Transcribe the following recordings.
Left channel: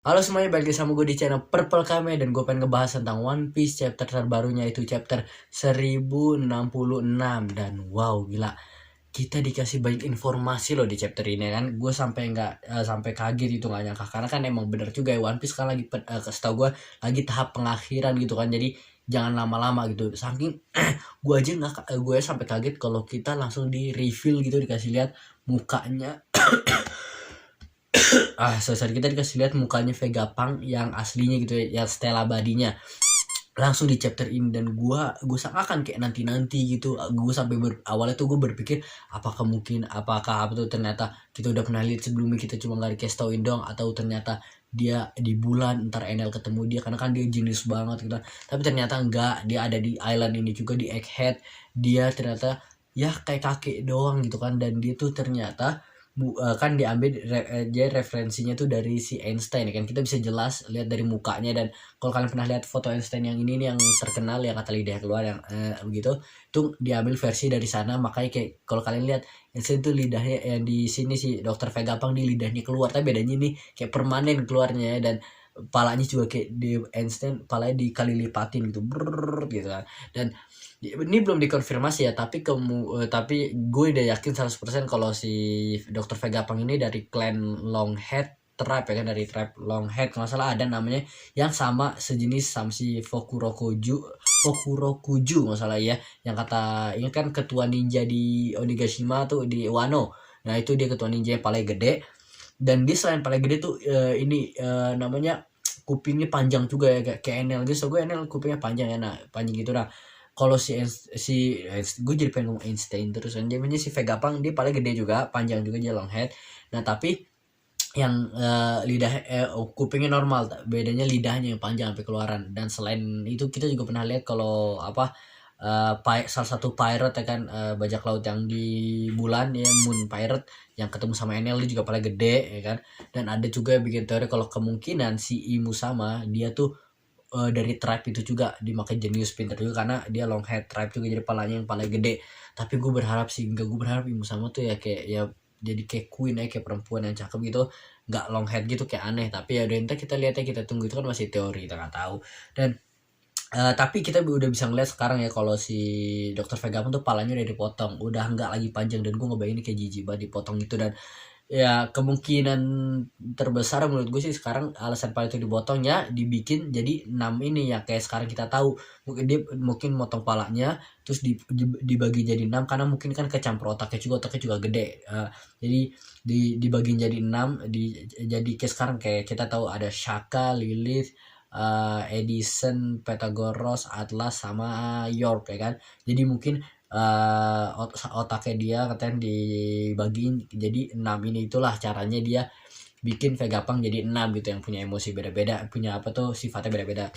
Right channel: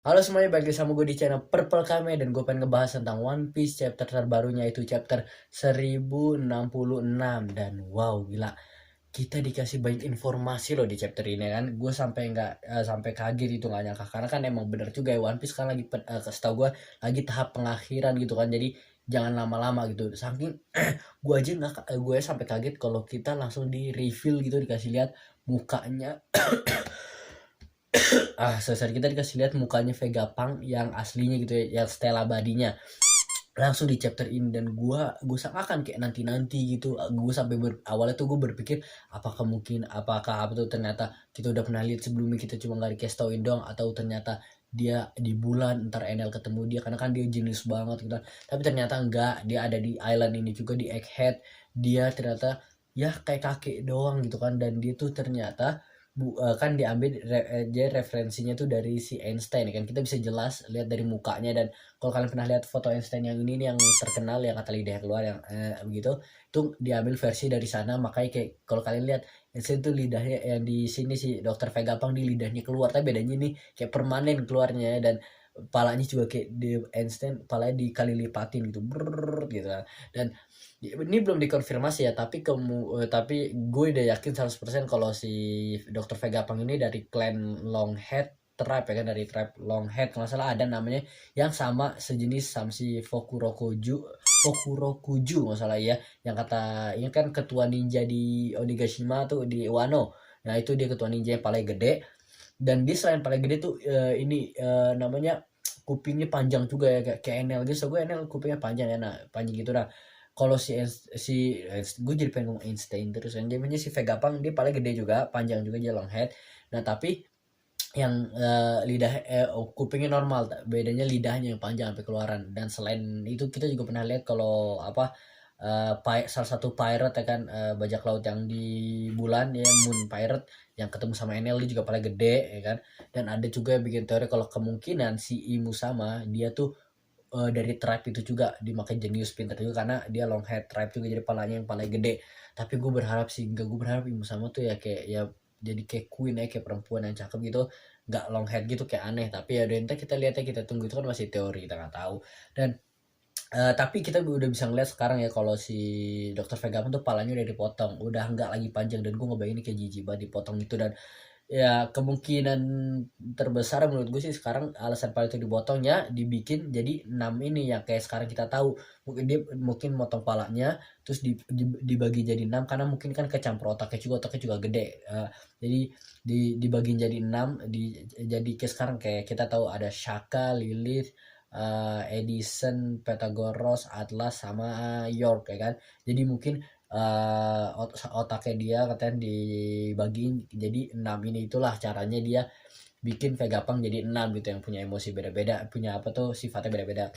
Halo semuanya, balik lagi sama gue di channel Purple Kame. Dan gue pengen ngebahas tentang One Piece chapter terbarunya, itu chapter 1066. Dan wow, gila, kita dikasih banyak informasi loh di chapter ini kan. Gue sampai nggak sampai kaget, itu nggak nyangka. Karena kan emang bener juga ya, One Piece kan lagi setahu gue lagi tahap pengakhiran gitu kan. Jadi jangan lama-lama gitu. Saking gue aja nggak, gue sampai kaget kalau kita langsung di reveal gitu, dikasih lihat mukanya. Sesaat kita dikasih lihat mukanya Vegapunk yang aslinya gitu ya, yang Stella Badinya langsung di chapter ini. Dan gue sangkakan kayak nanti gitu. Gue sampai awalnya tuh gue berpikir apakah apa tuh, ternyata kita udah pernah lihat sebelumnya, kita cuma nggak dikasih tauin dong, atau ternyata dia di bulan ntar Enel ketemu dia karena kan dia jenius banget gitu. Tapi ternyata enggak, dia ada di island ini juga, di Egghead. Dia ternyata ya kayak kakek doang gitu kan. Dan dia tuh ternyata kan diambil dia referensinya tuh dari si Einstein ya kan. Kita bisa jelas lihat dari mukanya. Dan kalau kalian pernah lihat foto Einstein yang ini nih, yang terkenal yang kata lidah keluar yang begitu, tuh diambil versi dari sana. Makanya kayak kalau kalian lihat Einstein tuh lidahnya yang di sini si Dokter Vegapunk di lidahnya keluar, tapi bedanya nih kayak permanen keluarnya. Dan palanya juga kayak di Einstein palanya dikali lipatin gitu, brrrr, gitu kan. Dan ini belum dikonfirmasi ya, tapi gue udah yakin 100% kalau si Dr. Vegapunk ini dari clan Longhead tribe ya kan, dari tribe Longhead. Kalau salah ada namanya yang sama sejenis sama si Fukurokuju nggak salah ya, yang kata ini kan ketua ninja di Onigashima tuh, di Wano. Nah itu dia ketua ninja yang paling gede. Dan dia selain paling gede tuh namanya kupingnya panjang juga ya, kayak Enel gitu. So gue Enel kupingnya panjang ya, nah panjang gitu. Nah kalau gue jadi pengen ngomong Einstein terus, dan dia si Vegapunk dia paling gede juga, panjang juga, dia long head. Nah tapi yang kupingnya normal, bedanya lidahnya yang panjang sampai keluaran. Dan selain itu kita juga pernah lihat kalau salah satu pirate ya kan, bajak laut yang di bulan ya, Moon Pirate, yang ketemu sama Enel, dia juga paling gede ya kan. Dan ada juga yang bikin teori kalau kemungkinan si Imu sama dia tuh dari tribe itu juga, dimakai jenius pinter juga karena dia long head tribe juga, jadi palanya yang paling gede. Tapi gue berharap sih, enggak, gue berharap Imu sama tuh ya kayak ya jadi kayak queen ya, kayak perempuan yang cakep gitu, nggak long head gitu kayak aneh. Tapi ya udah, ntar kita lihat ya, kita tunggu, itu kan masih teori, kita nggak tahu. Dan tapi kita udah bisa ngeliat sekarang ya kalau si Dokter Vegapunk tuh palanya udah dipotong, udah nggak lagi panjang. Dan gue ngebayangin kayak jijik banget dipotong gitu. Dan ya kemungkinan terbesar menurut gue sih sekarang alasan pala itu dipotong ya, dibikin jadi 6 ini ya, kayak sekarang kita tahu. Mungkin dia motong palanya terus dibagi jadi 6, karena mungkin kan kecampur otaknya juga gede. Jadi dibagi jadi 6, jadi kayak sekarang kayak kita tahu ada Shaka, Lilith, Edison, Pythagoras, Atlas, sama York ya kan. Jadi mungkin otaknya dia katanya dibagiin jadi 6 ini. Itulah caranya dia bikin Vegapunk jadi 6 gitu, yang punya emosi beda-beda, punya apa tuh, sifatnya beda-beda.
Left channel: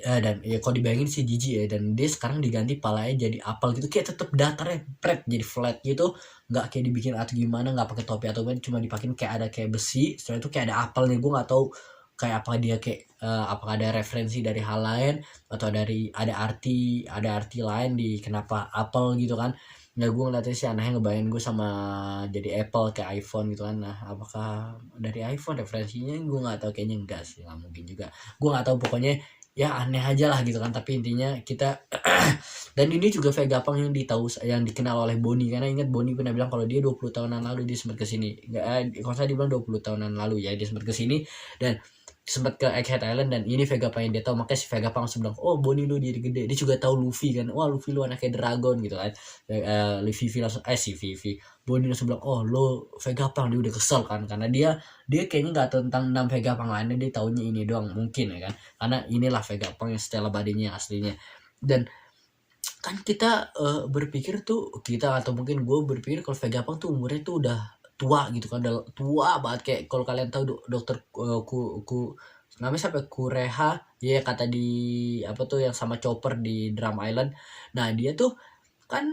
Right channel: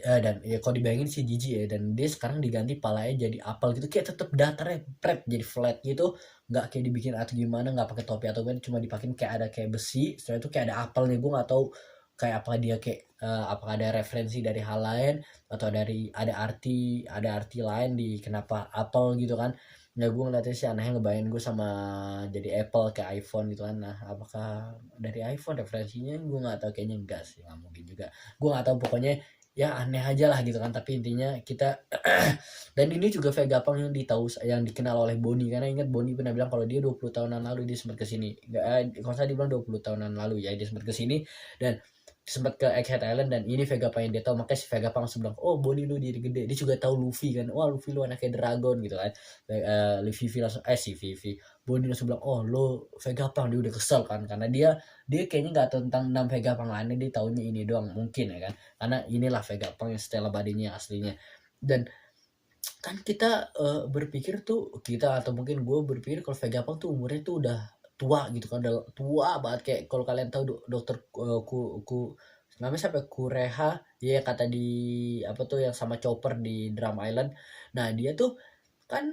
Dan ya kalau dibayangin sih jijik ya. Dan dia sekarang diganti palanya jadi apel gitu, kayak tetep datarnya flat, jadi flat gitu, nggak kayak dibikin atau gimana, nggak pakai topi atau gimana, cuma dipakein kayak ada kayak besi, setelah itu kayak ada apelnya. Gue nggak tahu kayak apa dia, kayak apakah ada referensi dari hal lain, atau ada arti lain di kenapa apel gitu kan. Nah gue ngeliatnya sih anehnya, ngebayangin gue sama jadi Apple kayak iPhone gitu kan. Nah apakah dari iPhone referensinya, gue nggak tahu, kayaknya enggak sih, nggak mungkin juga. Gue nggak tahu, pokoknya ya aneh aja lah gitu kan. Tapi intinya kita dan ini juga Vegapunk yang dikenal oleh Bonnie, karena ingat Bonnie pernah bilang kalau dia 20 tahunan lalu dia sempat kesini. Kalau saya dibilang 20 tahunan lalu ya dia sempat kesini, dan sempat ke Egghead Island. Dan ini Vegapunk yang dia tahu. Makanya si Vegapunk langsung bilang, oh Bonnie lu jadi gede. Dia juga tahu Luffy kan, wah Luffy lu anaknya dragon gitu kan. Vivi langsung si Vivi Bonnie langsung bilang, oh lo Vegapunk. Dia udah kesel kan, karena dia kayaknya nggak tahu tentang 6 Vegapunk lainnya, dia taunya ini doang mungkin ya kan, karena inilah Vegapunk yang Stella Badinya aslinya. Dan kan kita berpikir tuh, kita atau mungkin gue berpikir kalau Vegapunk tuh umurnya tuh udah tua gitu kan, udah tua banget. Kayak kalau kalian tahu dokter namanya siapa, Kureha ya, kata di apa tuh yang sama Chopper di Drum Island. Nah dia tuh kan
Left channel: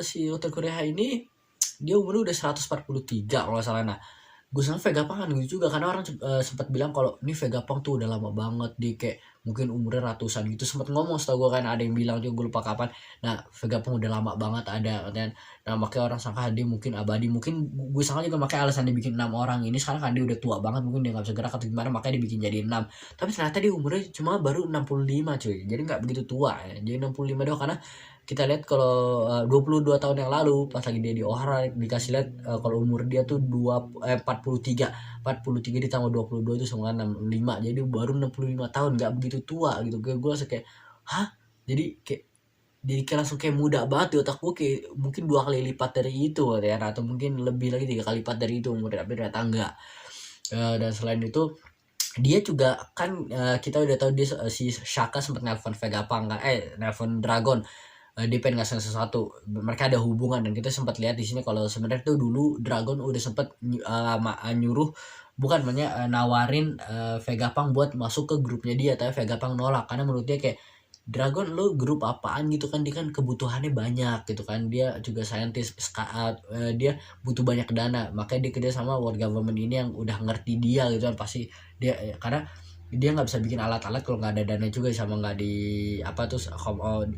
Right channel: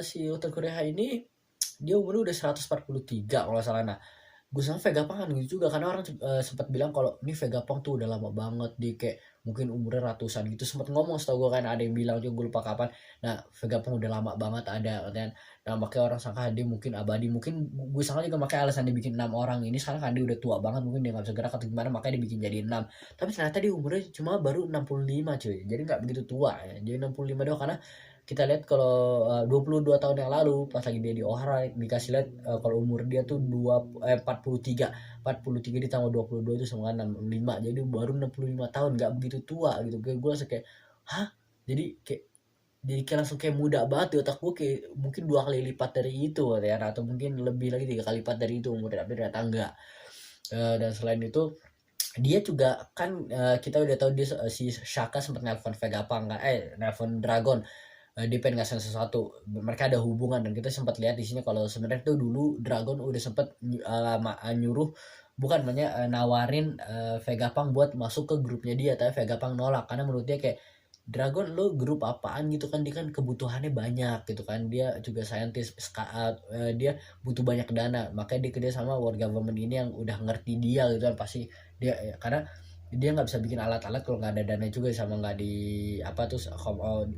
si dokter Kureha ini dia umurnya udah 143 kalau nggak salah. Nah gue sama Vegapunk kan gitu juga, karena orang sempat bilang kalau ini Vegapunk tuh udah lama banget, di kayak mungkin umurnya ratusan gitu, sempat ngomong setahu gue kan, ada yang bilang juga gue lupa kapan. Nah Vegapunk udah lama banget ada kan. Nah makanya orang sangka dia mungkin abadi, mungkin gue sangka juga makanya alasan dibikin 6 orang ini sekarang kan dia udah tua banget, mungkin dia nggak bisa gerak atau gimana makanya dibikin jadi 6. Tapi ternyata dia umurnya cuma baru 65 cuy, jadi nggak begitu tua ya, jadi 65 doang. Karena kita lihat kalau 22 tahun yang lalu pas lagi dia di Ohara dikasih lihat kalau umur dia tuh 43 ditambah 22 itu sama 65, jadi baru 65 tahun, nggak begitu tua gitu. Gue langsung kayak hah, jadi kayak langsung kayak muda banget di otak gue, kayak mungkin 2 kali lipat dari itu ya, atau mungkin lebih lagi 3 kali lipat dari itu umurnya, tapi ternyata enggak. Dan selain itu dia juga kan kita udah tahu dia si Shaka sempat nelpon Vegapunk kan, nelpon Dragon. Dia pengen ngasih sesuatu, mereka ada hubungan. Dan kita sempat lihat di sini kalau sebenarnya tuh dulu Dragon udah sempat nyuruh, bukan namanya nawarin Vegapunk buat masuk ke grupnya dia, tapi Vegapunk nolak karena menurut dia kayak Dragon lo grup apaan gitu kan, dia kan kebutuhannya banyak gitu kan, dia juga saintis, dia butuh banyak dana, makanya dia kerja sama world government ini yang udah ngerti dia gitu kan. Pasti dia karena dia nggak bisa bikin alat-alat kalau nggak ada dana juga, sama nggak di apa tuh,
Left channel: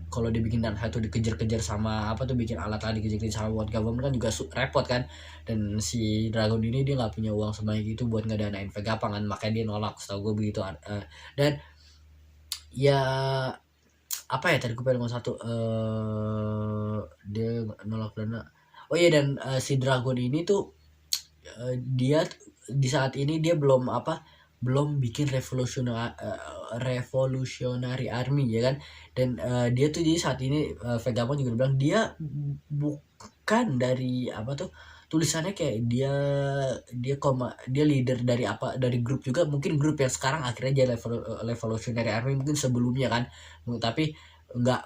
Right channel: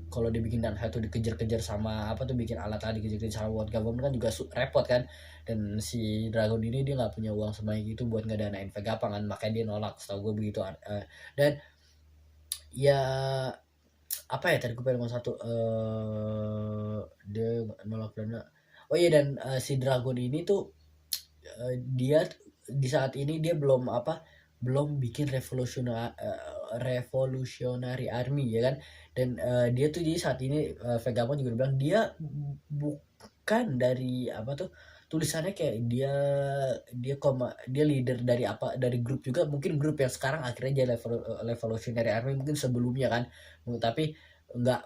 kalau dibikin dan satu dikejar-kejar sama apa tuh, bikin alat-alat dikejar-kejar sama world government kan juga repot kan. Dan si Dragon ini dia nggak punya uang sebanyak itu buat ngedanain Vegapunk kan, makanya dia nolak setahu gue begitu. Dan ya apa ya, tadi gue pengen ngomong satu, dia nolak dana. Oh iya, dan si Dragon ini tuh dia di saat ini dia belum bikin revolutionary army ya kan. Dan dia tuh di saat ini Vegapunk juga bilang dia bukan dari apa tuh tulisannya, kayak dia leader dari apa, dari grup juga, mungkin grup yang sekarang akhirnya jadi revolutionary army, mungkin sebelumnya kan, tapi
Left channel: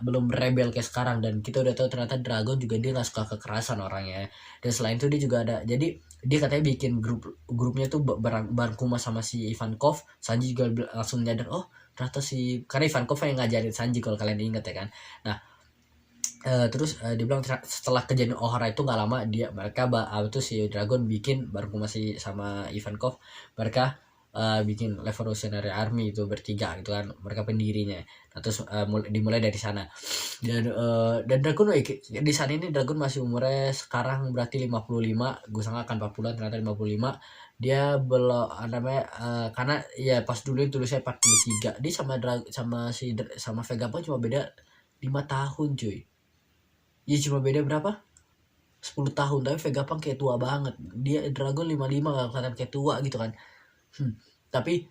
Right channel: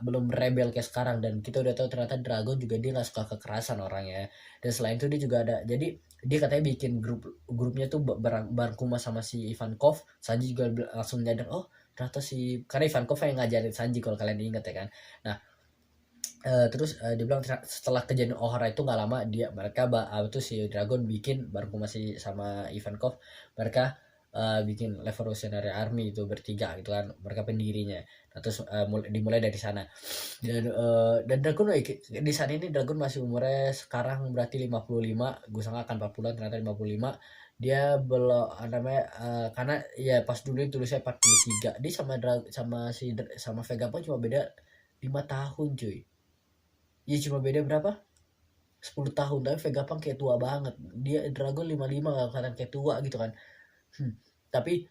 belum rebel kayak sekarang. Dan kita udah tahu ternyata Dragon juga dia nggak suka kekerasan orangnya. Dan selain itu dia juga ada, jadi dia katanya bikin grupnya tuh bareng kuma sama si Ivankov. Sanji juga langsung nyadar, oh ternyata karena Ivankov yang ngajarin Sanji kalau kalian ingat ya kan. Nah terus dibilang setelah kejadian Ohara itu nggak lama mereka itu si Dragon bikin bareng kuma sama Ivankov, mereka bikin Revolutionary Army itu bertiga gitu kan, mereka pendirinya. Nah, terus dimulai dari sana. Dan Dragon di saat ini Dragon masih umurnya sekarang berarti 55, gue sangka akan 40, ternyata 55. Dia belum namanya karena ya pas dulu tulisnya 43. Dia sama Vegapunk cuma beda 5 tahun cuy. Ya cuma beda berapa? 10 tahun, tapi Vegapunk kayak tua banget. Dia Dragon 55 gak kelihatan kayak tua gitu kan. Tapi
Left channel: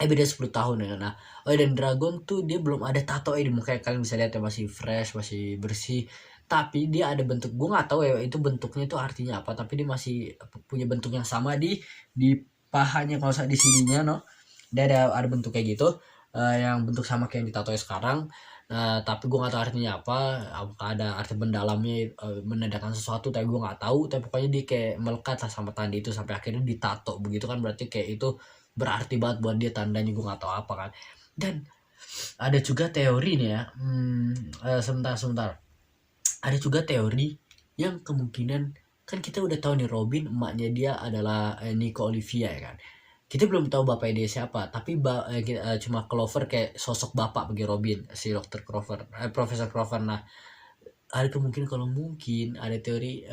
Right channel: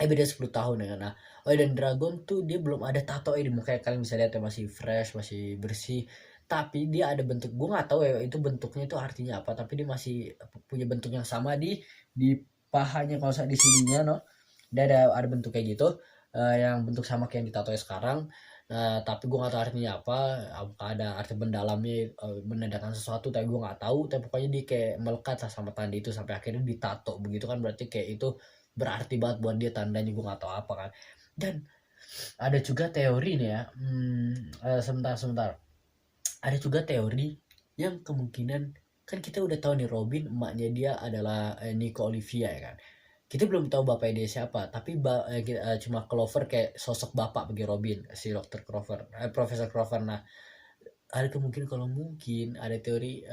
beda 10 tahun ya. Nah, dan Dragon tuh dia belum ada tato di muka, kalian bisa lihat ya, masih fresh, masih bersih. Tapi dia ada bentuk, gue nggak tahu ya itu bentuknya itu artinya apa, tapi dia masih punya bentuk yang sama di pahanya, kalau di sininya no. Dia ada bentuk kayak gitu, yang bentuk sama kayak yang ditato sekarang. Tapi gue nggak tahu artinya apa, apakah ada arti mendalamnya, menandakan sesuatu, tapi gue nggak tahu. Tapi pokoknya dia kayak melekat lah sama tanda itu sampai akhirnya ditato begitu kan, berarti kayak itu berarti banget buat dia tandanya, gue nggak tahu apa kan. Dan ada juga teori nih ya, sebentar, ada juga teori yang kemungkinan kan kita udah tahu nih Robin emaknya dia adalah Nico Olivia ya kan. Kita belum tahu bapaknya dia siapa, tapi cuma Clover kayak sosok bapak bagi Robin, si Dr. Clover, Profesor Clover. Nah ada kemungkinan, kalau mungkin ada teori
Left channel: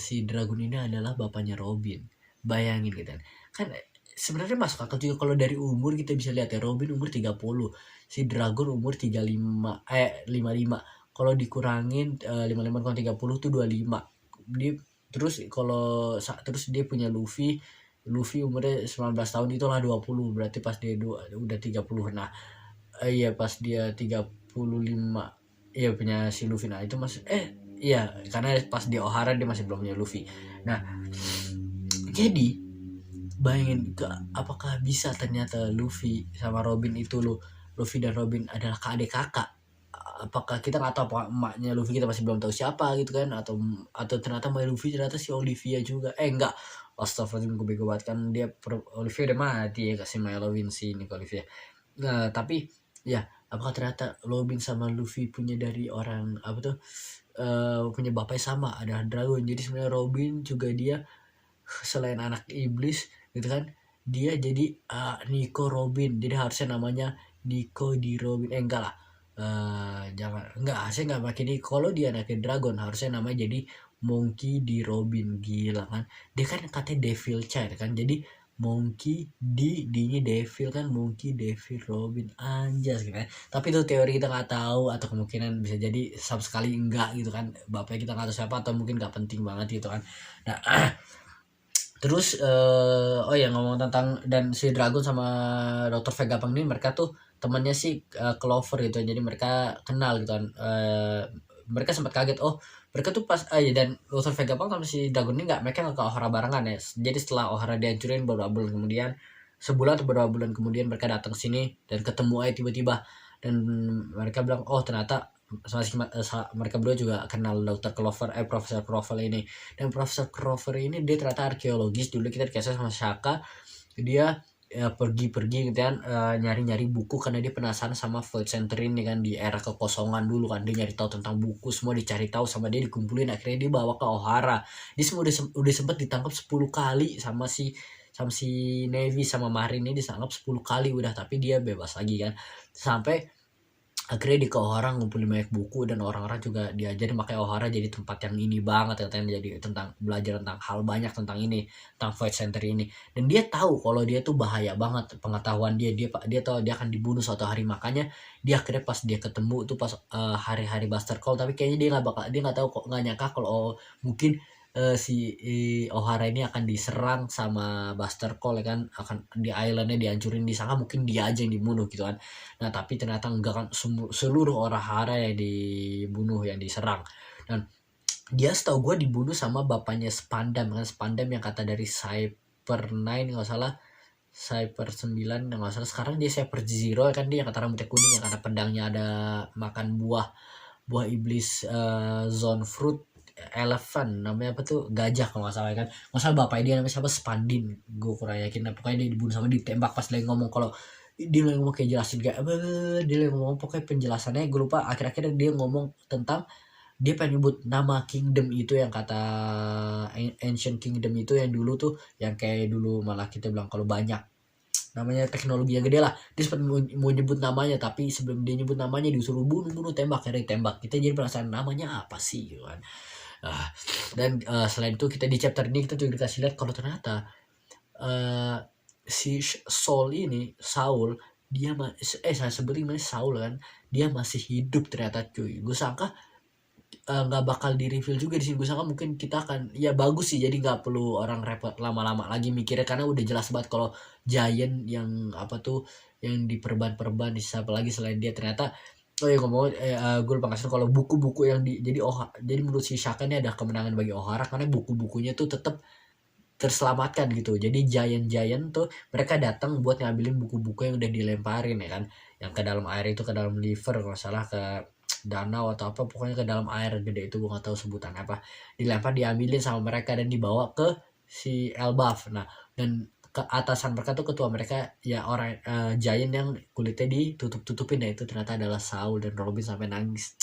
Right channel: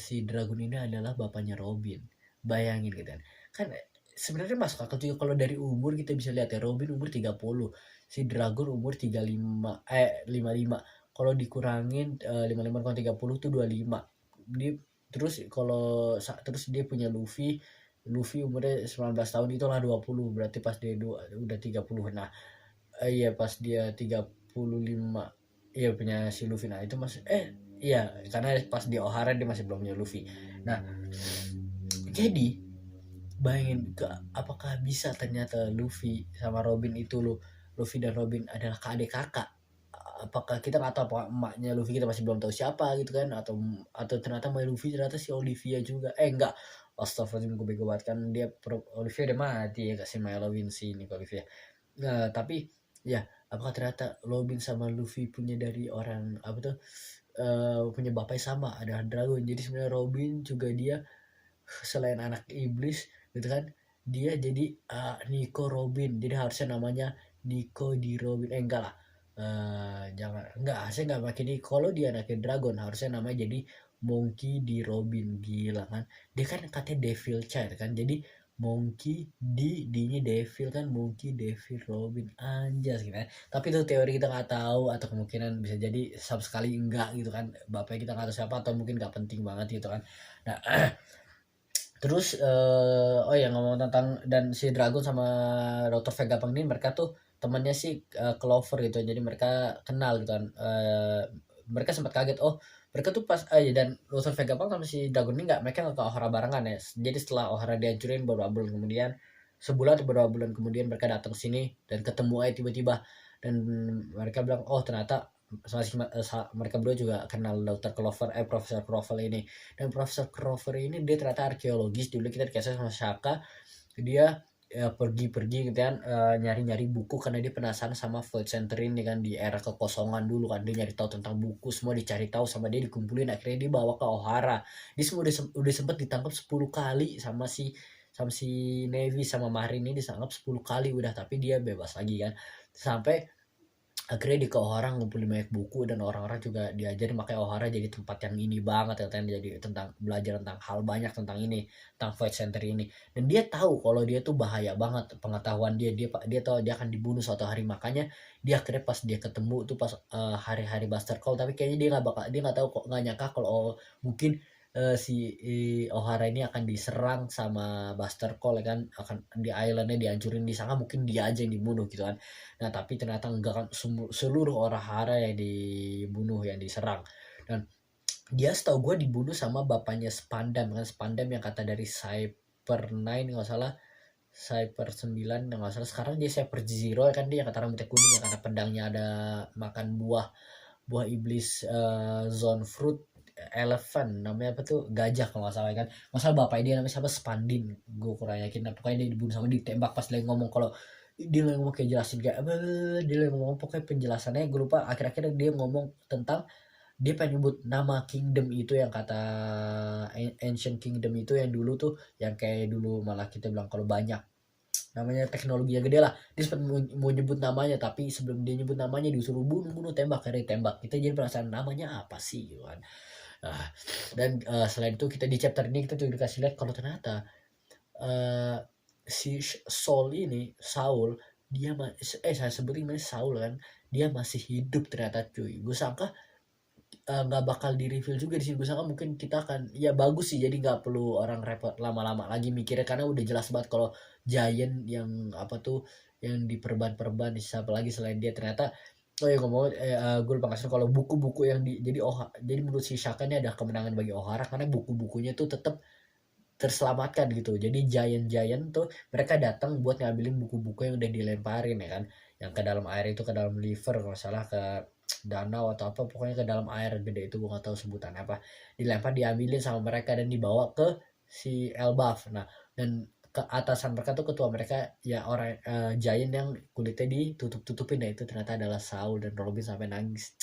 si Dragon ini adalah bapaknya Robin. Bayangin gitu kan, sebenarnya masuk akal juga kalau dari umur kita bisa lihat ya, Robin umur 30, si Dragon umur 55. Kalau dikurangin 55 kurang 30 tuh 25. Terus dia punya Luffy umurnya 19 tahun, itulah 20, berarti pas dia udah 30. Nah iya pas dia 35, iya punya si Luffy. Nah itu masih iya karena pas di Ohara dia masih belum punya Luffy. Nah jadi bayangin apakah bisa ternyata Luffy sama Robin itu Luffy dan Robin adalah adik kakak. Apakah kita nggak tahu apakah emaknya Luffy kita masih belum tahu siapa gitu kan, atau ternyata emak Luffy ternyata si Olivia juga. Enggak, astagfirullahaladzim, gue bego banget kan, dia Olivia udah mati ya, kasih Milo Vinci ini ke Olivia. Nah tapi ya apakah ternyata Robin sama Luffy punya dari orang apa tuh punya bapaknya sama, ada Dragon. Jadi sebenarnya Robin juga dia selain anak iblis gitu kan, dia jadi Nico Robin, jadi harusnya namanya Nico di Robin, enggak lah. Jangan, enggak, saya nggak pakai di, kalau dia anaknya Dragon harusnya namanya jadi Monkey di Robin. Gila kan, dia kan katanya Devil Child kan, jadi Monkey di Devil kan, Monkey Devil Robin, anjas gitu kan. Tapi itu teori, kita nggak tahu, atau kemungkinan bisa jadi sama sekali enggak gitu kan, bapaknya kita nggak tahu siapa, atau mungkin nggak penting banget gitu kan. Nah terus oh ya, ngomong tentang, dan si Dragon sama Dr. Vegapunk ini mereka tuh temannya si Clover gitu, jadi mereka kenal gitu kan. Mereka sempat kaget, oh mereka tuh pas ya, dan Dr. Vegapunk sama si Dragon ini mereka nggak ke Ohara barengan ya. Jadi setelah Ohara dihancurin beberapa bulan kemudian, sebulan atau beberapa bulan kemudian, mereka datang sini dan ketemu aja tiba-tiba, dan mereka bilang oh ternyata mereka berdua juga kenal Dr. Clover, Profesor Clover ini. Dan Profesor Clover ini dia ternyata arkeologis, dulu kita dikasih sama Shaka, dia pergi-pergi gitu kan, nyari-nyari buku karena dia penasaran sama Void Center ini kan, di era kekosongan dulu kan, dia nyari tahu tentang buku, semua dicari tahu sama dia, dikumpulin, akhirnya dia bawa ke Ohara. Dia semua udah sempet ditangkap 10 kali sama si Navy sama Marine ini, ditangkap 10 kali udah, tapi dia bebas lagi kan. Sampai akhirnya di ke Ohara ngumpulin banyak buku, dan orang-orang juga diajarin, makanya Ohara jadi tempat yang ini banget katanya, jadi tentang belajar tentang hal banyak tentang ini, tentang Void Center ini. Dan dia tahu kalau dia tuh bahaya banget, pengetahuan dia tahu dia akan dibunuh suatu hari, makanya dia akhirnya pas dia ketemu tuh pas hari-hari Buster Call, tapi kayaknya dia nggak tahu kok, nggak nyangka kalau mungkin si Ohara ini akan diserang sama Buster Call ya kan, akan di islandnya dihancurin, disangka mungkin dia aja yang dibunuh gitu kan. Nah tapi ternyata enggak kan, seluruh Ohara yang dibunuh, yang diserang. Dan dia setahu gue dibunuh sama bapaknya Spandam kan, Spandam yang kata dari Cyber 9 nggak salah, Cyber 9 nggak salah, sekarang dia Cyber Zero kan, dia yang kata rambutnya kuning, yang karena pedangnya ada makan buah iblis, zone fruit elephant, namanya apa tuh, gajah kalau nggak salah kan, nggak salah bapaknya dia namanya siapa, Spandin, gue kurang yakin. Nah, pokoknya dia dibunuh sama, ditembak pas dia ngomong, kalau dia lagi ngomong kayak jelasin kayak apa, dia lagi ngomong pokoknya penjelasannya gue lupa, akhir-akhirnya dia ngomong tentang, dia pengen nyebut nama kingdom itu, yang kata ancient kingdom itu yang dulu tuh, yang kayak dulu malah kita bilang kalau banyak namanya teknologi yang gede lah, dia sempat mau nyebut namanya, tapi sebelum dia nyebut namanya disuruh bunuh tembak, akhirnya tembak. Kita jadi penasaran namanya apa sih gitu kan. Dan selain itu kita di chapter ini kita juga dikasih lihat kalau ternyata si Saul, dia saya sebutin namanya Saul kan, dia masih hidup ternyata cuy. Gue sangka nggak bakal di reveal juga di sini, gue sangka mungkin kita akan, ya bagus sih, jadi nggak perlu orang repot lama-lama lagi mikirnya, karena udah jelas banget kalau Giant yang apa tuh, yang diperban di siapa lagi selain dia ternyata. Oh ya ngomong, gue lupa ngasih kalau buku-buku yang jadi menurut si Shaka ini ada kemenangan bagi Ohara, karena buku-bukunya tuh tetap terselamatkan gitu. Jadi Giant tuh mereka datang buat ngambilin buku-buku yang udah dilemparin ya kan, yang ke dalam air itu, ke dalam river kalau salah, ke danau atau apa, pokoknya ke dalam air gede itu, gue gak tahu sebutan apa, dilempar, diambilin sama mereka dan dibawa ke si Elbaf. Nah, dan ke atasan mereka tuh, ketua mereka ya orang Giant yang kulitnya ditutup-tutupin, ya itu ternyata adalah Saul, dan Robin sampai nangis,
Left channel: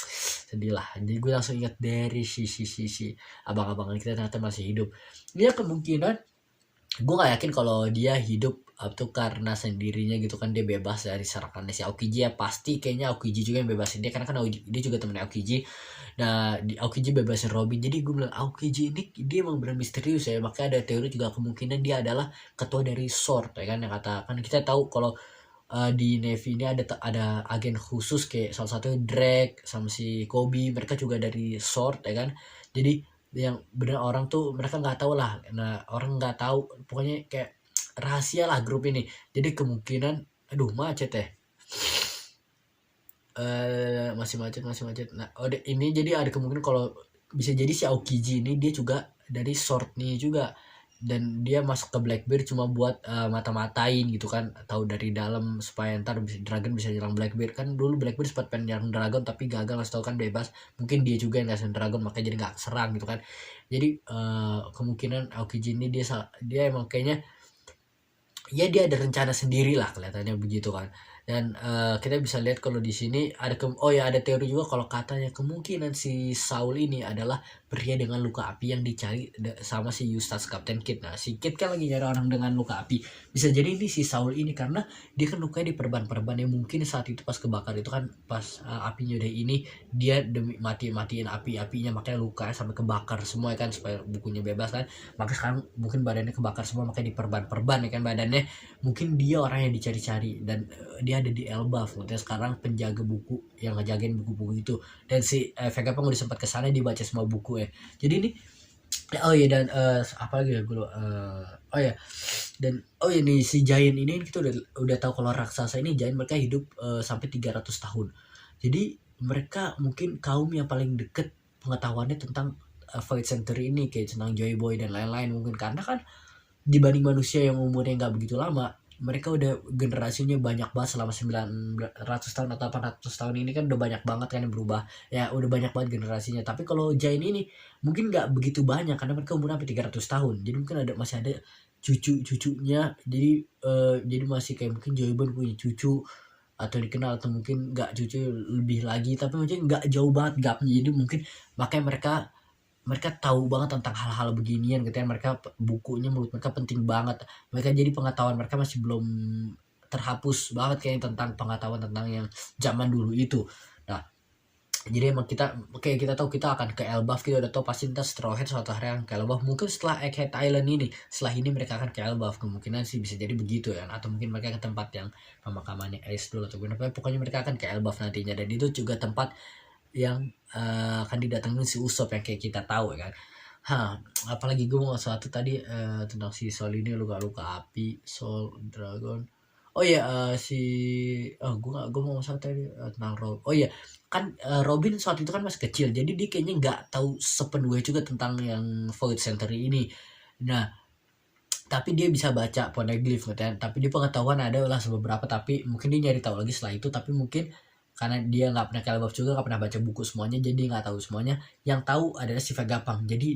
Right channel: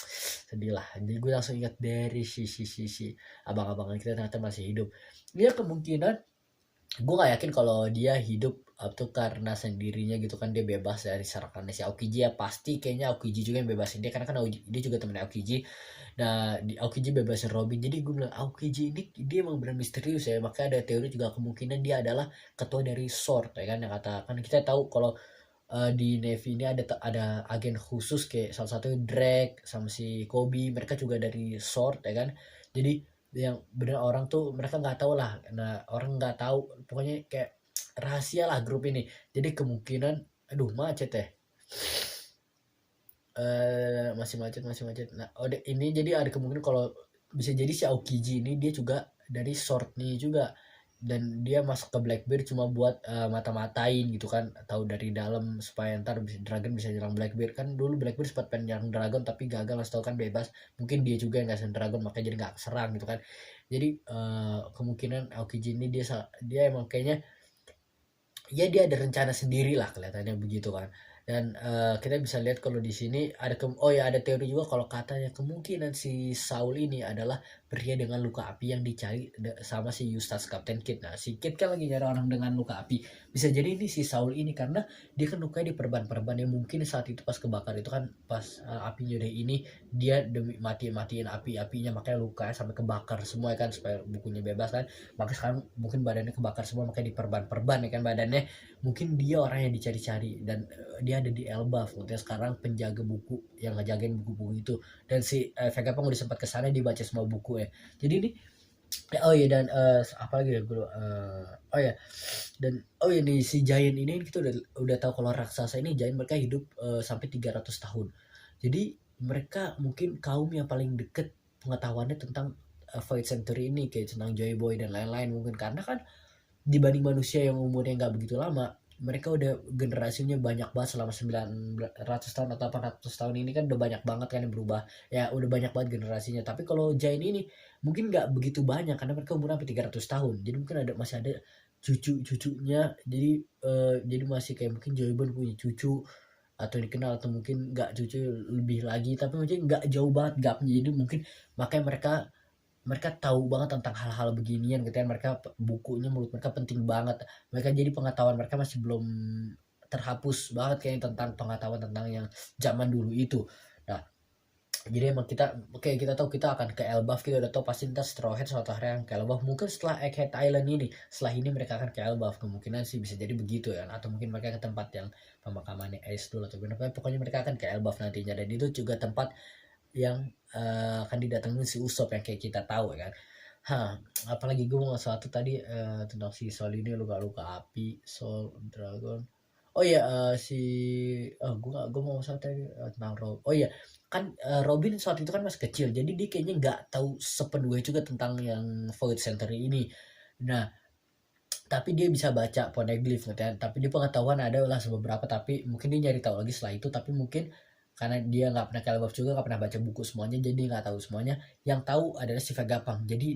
sedih lah. Jadi gue langsung ingat dari si abang-abangan kita ternyata masih hidup. Ya kemungkinan gue gak yakin kalau dia hidup tuh karena sendirinya gitu kan, dia bebas dari serangannya si Aokiji, ya pasti kayaknya Aokiji juga yang bebasin dia, karena kan dia juga temennya Aokiji. Nah Aokiji bebasin Robin, jadi gue bilang Aokiji ini dia emang benar misterius ya, makanya ada teori juga kemungkinan dia adalah ketua dari Sword ya kan, yang kata kan kita tahu kalau di Navy ini ada agen khusus kayak salah satu Drake sama si Kobe, mereka juga dari Sword ya kan. Jadi yang bener orang tuh mereka nggak tahu lah, nah orang nggak tahu, pokoknya kayak rahasia lah grup ini. Jadi kemungkinan, aduh macet ya, masih macet. Nah ini jadi ada kemungkinan kalau bisa jadi si Aokiji ini dia juga dari Sword nih juga, dan dia masuk ke Blackbeard cuma buat mata-matain gitu kan, tahu dari dalam supaya ntar Dragon bisa nyerang Blackbeard kan. Dulu Blackbeard sempat pengen nyerang Dragon tapi gagal, langsung tahu kan bebas, mungkin dia juga yang ngasih Dragon, makanya jadi nggak serang gitu kan. Jadi kemungkinan Aokiji ini dia emang kayaknya ya dia ada rencana sendiri lah kelihatannya begitu kan. Dan kita bisa lihat kalau di sini ada ada teori juga kalau katanya kemungkinan si Saul ini adalah pria dengan luka api yang dicari sama si Eustace Captain Kidd. Nah si Kidd kan lagi nyari orang dengan luka api, bisa jadi ini si Saul ini karena dia kan lukanya di perban-perban yang mungkin saat itu pas kebakar itu kan pas apinya udah ini, dia demi matiin apinya makanya lukanya sampai kebakar semua ya kan, supaya bukunya bebas kan, maka sekarang mungkin badannya kebakar semua makanya di perban-perban ya kan badannya. Mungkin dia orang yang dicari-cari dan dia ada di Elbaf, makanya sekarang penjaga buku yang ngejagain buku-buku itu. Dan si Vegapunk udah sempat kesana dibaca semua buku ya. Jadi ini oh iya dan apa lagi ya gue oh ya dan oh ya nih si Giant ini kita udah tahu kalau raksasa ini Giant mereka hidup sampai 300 tahun. Jadi mereka mungkin kaum yang paling deket pengetahuannya tentang Void Century ini, kayak tentang Joy Boy dan lain-lain, mungkin karena kan dibanding manusia yang umurnya nggak begitu lama, mereka udah generasinya banyak banget selama 900 tahun atau 800 tahun ini kan udah banyak banget kan yang berubah ya, udah banyak banget generasinya. Tapi kalau Giant ini mungkin nggak begitu banyak karena mereka umurnya sampai 300 tahun, jadi mungkin masih ada cucu-cucunya, jadi masih kayak mungkin Joybon punya cucu atau dikenal, atau mungkin nggak cucu lebih lagi tapi mungkin nggak jauh banget gapnya, jadi mungkin makanya mereka tahu banget tentang hal-hal beginian gitu ya, mereka bukunya menurut mereka penting banget, mereka jadi pengetahuan mereka masih belum terhapus banget kayak tentang pengetahuan tentang yang zaman dulu itu. Nah jadi emang kita tahu kita akan ke Elbaf, kita udah tahu pasti ntar Straw Hat suatu hari akan ke Elbaf, mungkin setelah Egghead Island ini, setelah ini mereka akan ke Elbaf, kemungkinan sih bisa jadi begitu ya, atau mungkin mereka ke tempat yang pemakamannya Ace dulu atau apa, pokoknya mereka akan ke Elbaf nantinya, dan itu juga tempat yang akan didatengin si Usopp yang kayak kita tahu ya kan. Apalagi gue mau satu tadi tentang si Sol ini luka-luka api, Soul Dragon. Oh iya gue mau satu tadi tentang Rob. Oh iya kan Robin saat itu kan masih kecil, jadi dia kayaknya nggak tahu sepenuhnya juga tentang yang Void Century ini. Nah tapi dia bisa baca poneglyph gitu ya, tapi dia pengetahuan ada lah beberapa, tapi mungkin dia nyari tahu lagi setelah itu, tapi mungkin karena dia nggak pernah ke Elbaf juga, nggak pernah baca buku semuanya, jadi nggak tahu semuanya. Yang tahu adalah si Vegapunk, jadi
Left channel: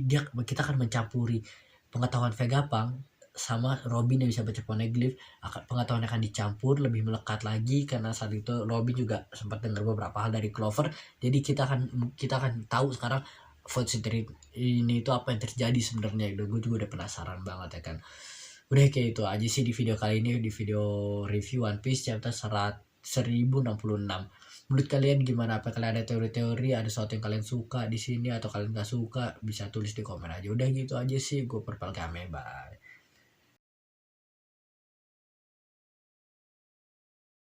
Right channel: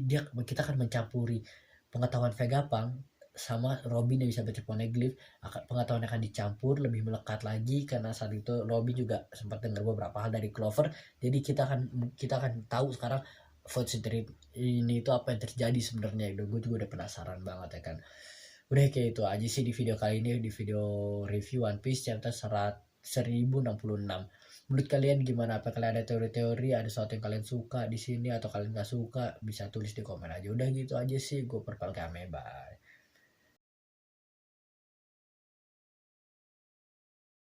kita akan mencampuri pengetahuan Vegapunk sama Robin yang bisa baca poneglyph, pengetahuan akan dicampur lebih melekat lagi, karena saat itu Robin juga sempat dengar beberapa hal dari Clover, jadi kita akan tahu sekarang Void Century ini itu apa yang terjadi sebenarnya. Gue juga udah penasaran banget ya kan. Udah kayak itu aja sih di video kali ini, di video review One Piece chapter 1066. Menurut kalian gimana? Apa kalian ada teori-teori, ada sesuatu yang kalian suka di sini atau kalian gak suka? Bisa tulis di komen aja. Udah gitu aja sih, gue Purple Game, bye.